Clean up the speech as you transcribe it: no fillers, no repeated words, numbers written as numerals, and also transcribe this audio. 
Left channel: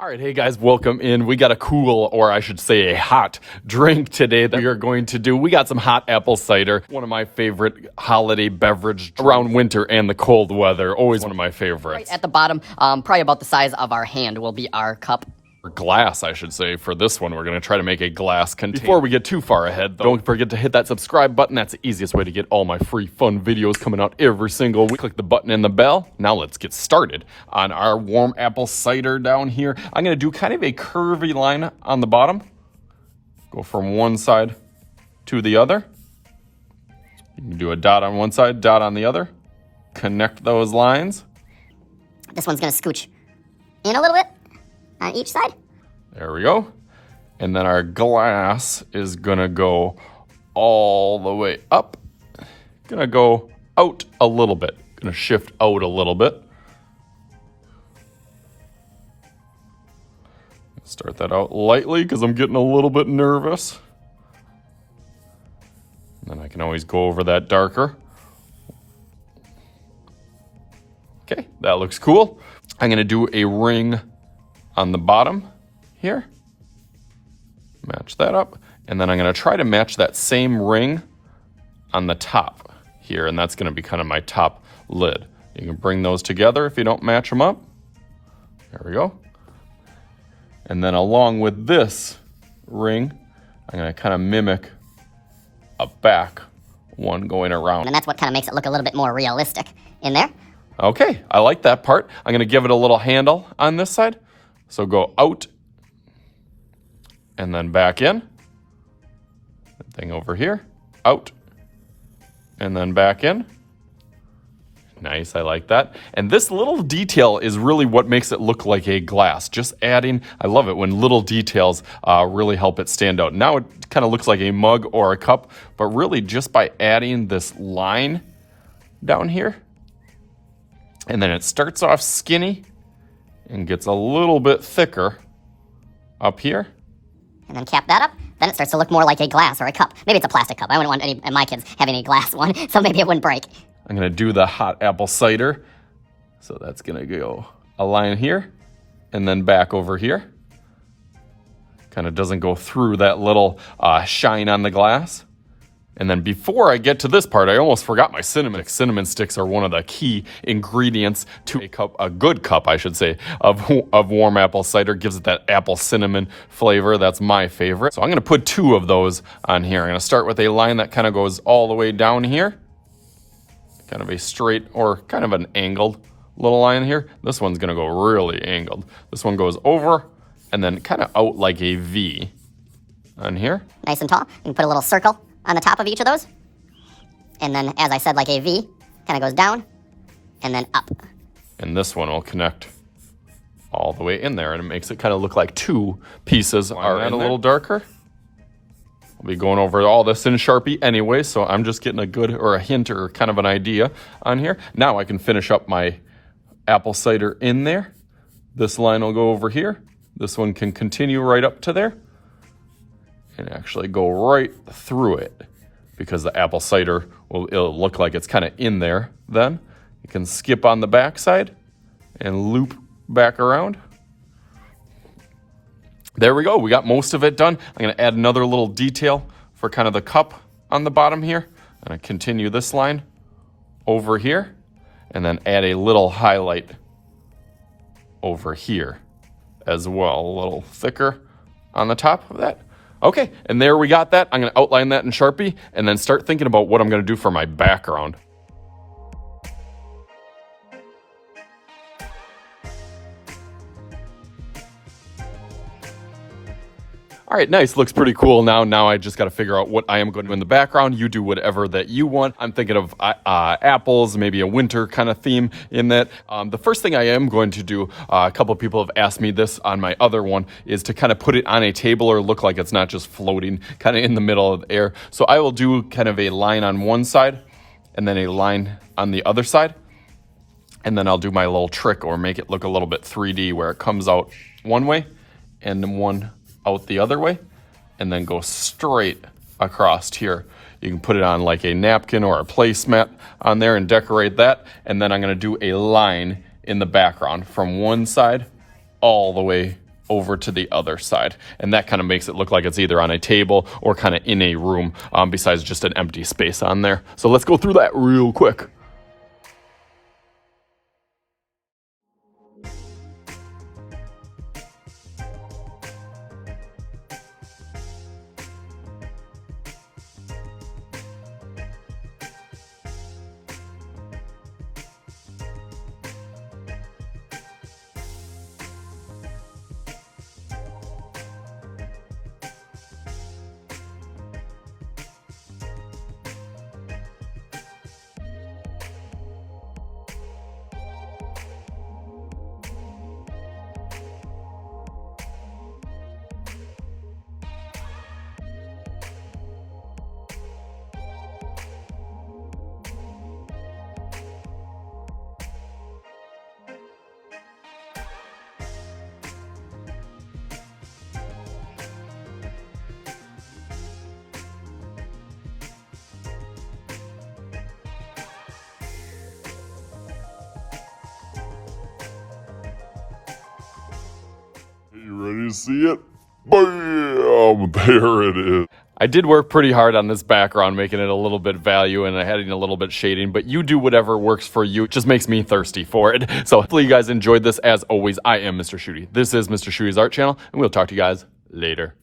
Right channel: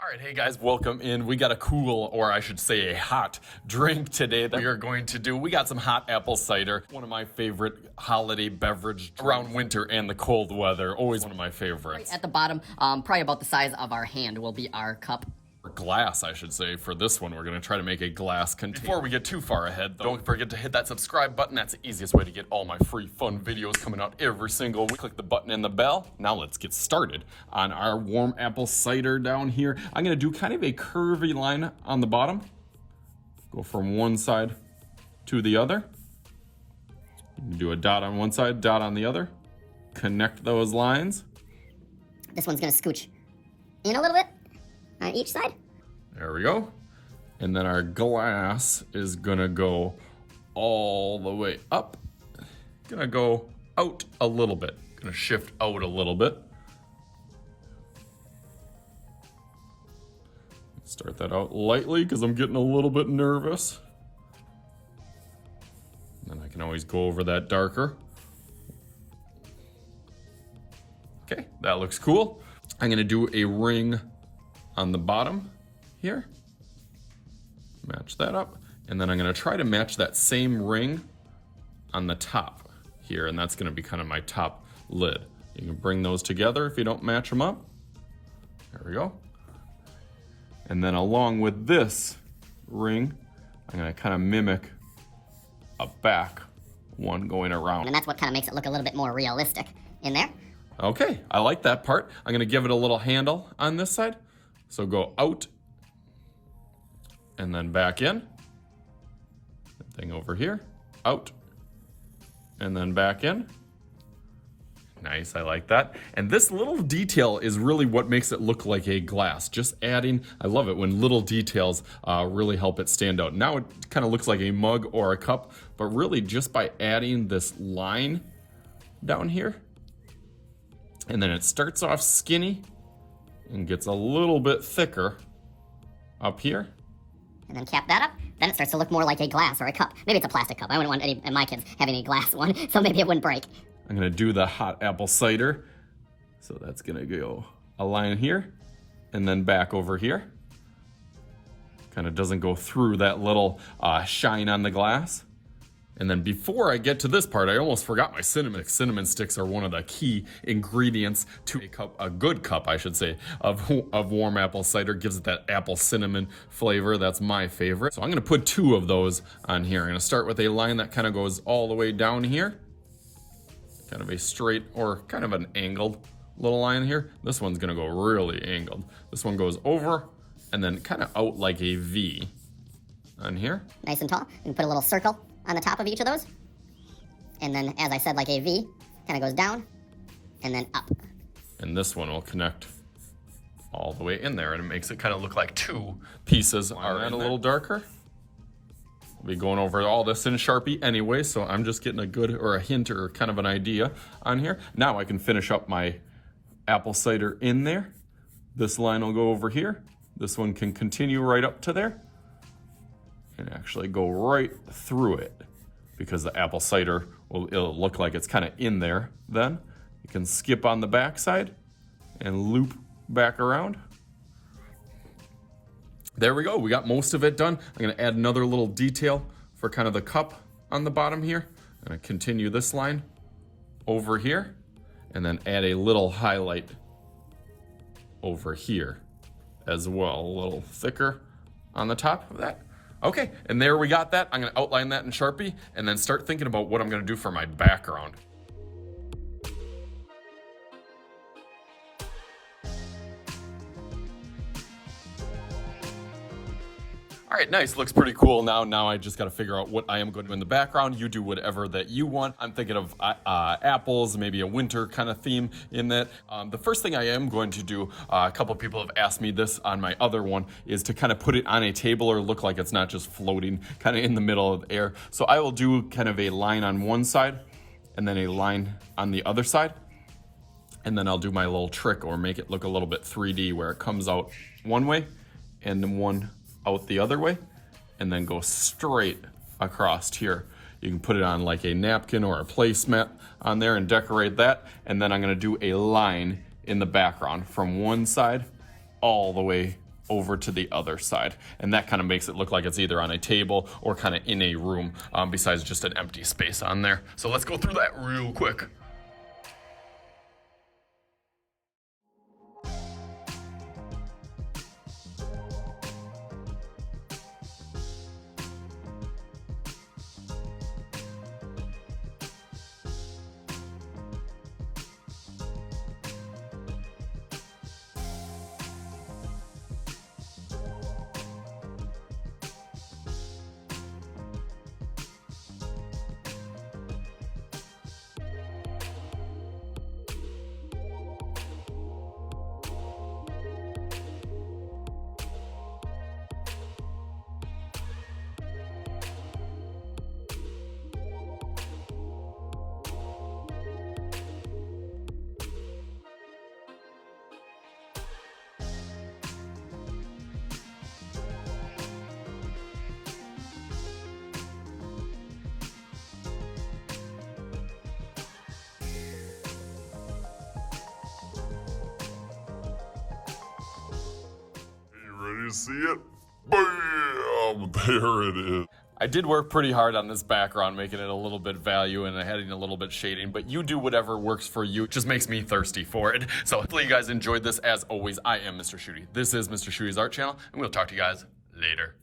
All right, hey guys, welcome in. We got a cool, or I should say a hot drink today that we are going to do. We got some hot apple cider, one of my favorite holiday beverage around winter and the cold weather. Always one of my favorites. Right at the bottom, probably about the size of our hand will be our cup. Or glass, I should say. For this one, we're going to try to make a glass container. Before we get too far ahead, though, don't forget to hit that subscribe button. That's the easiest way to get all my free fun videos coming out every single week. Click the button and the bell. Now let's get started on our warm apple cider down here. I'm going to do kind of a curvy line on the bottom. Go from one side to the other. You can do a dot on one side, dot on the other. Connect those lines. This one's going to scooch in a little bit on each side. There we go. And then our glass is gonna go all the way up. Gonna go out a little bit. Gonna shift out a little bit. Start that out lightly because I'm getting a little bit nervous. And then I can always go over that darker. Okay, that looks cool. I'm gonna do a ring on the bottom here. Match that up. And then I'm going to try to match that same ring on the top here. And that's going to be kind of my top lid. You can bring those together if you don't match them up. There we go. And then along with this ring, I'm going to kind of mimic a back one going around. And that's what kind of makes it look a little bit more realistic in there. Okay, I like that part. I'm going to give it a little handle on this side. So go out and then back in. Thing over here, out and then back in. Nice, I like that. And this little detail is really what makes it look like a glass. Just adding, I love it when little details really help it stand out. Now it kind of looks like a mug or a cup, but really just by adding this line down here, and then it starts off skinny and gets a little bit thicker up here. And then cap that up. Then it starts to look more like a glass or a cup. Maybe it's a plastic cup. I wouldn't want any of my kids having a glass one, so maybe it wouldn't break. I'm gonna do the hot apple cider. So that's gonna go a line here and then back over here. Kind of doesn't go through that little shine on the glass. And then before I get to this part, I almost forgot my cinnamon. Cinnamon sticks are one of the key ingredients to a good cup, I should say, of warm apple cider. Gives it that apple cinnamon flavor. That's my favorite. So I'm gonna put 2 of those on here. I'm gonna start with a line that kind of goes all the way down here. Kind of a straight or kind of an angled little line here. This one's gonna go really angled. This one goes over and then kind of out like a V on here. Nice and tall. You can put a little circle on the top of each of those. And then, as I said, like a V, kind of goes down and then up. And this one will connect all the way in there, and it makes it kind of look like 2 pieces are in a little darker. I'll be going over all this in Sharpie anyway, so I'm just getting a good or a hint or kind of an idea on here. Now I can finish up my apple cider in there. This line will go over here. This one can continue right up to there and actually go right through it because the apple cider it'll look like it's kind of in there then. You can skip on the back side and loop back around. There we go, we got most of it done. I'm gonna add another little detail for kind of the cup on the bottom here. I'm gonna continue this line over here and then add a little highlight over here as well, a little thicker on the top of that. Okay, and there we got that. I'm gonna outline that in Sharpie and then start thinking about what I'm gonna do for my background. All right, nice, looks pretty cool now. Now I just gotta figure out what I am going to do in the background. You do whatever that you want. I'm thinking of apples, maybe a winter kind of theme in that. The first thing I am going to do, a couple of people have asked me this on my other one, is to kind of put it on a table or look like it's not just floating kind of in the middle of the air. So I will do kind of a line on one side and then a line on the other side. And then I'll do my little trick or make it look a little bit 3D where it comes out one way and then one out the other way and then go straight across here. You can put it on like a napkin or a placemat on there and decorate that. And then I'm gonna do a line in the background from one side all the way over to the other side. And that kind of makes it look like it's either on a table or kind of in a room besides just an empty space on there. So let's go through that real quick. Ready to see it? Bam! There it is. I did work pretty hard on this background, making it a little bit value and adding a little bit shading, but you do whatever works for you. It just makes me thirsty for it. So hopefully you guys enjoyed this. As always, I am Mr. Shooty. This is Mr. Shooty's Art Channel, and we'll talk to you guys later.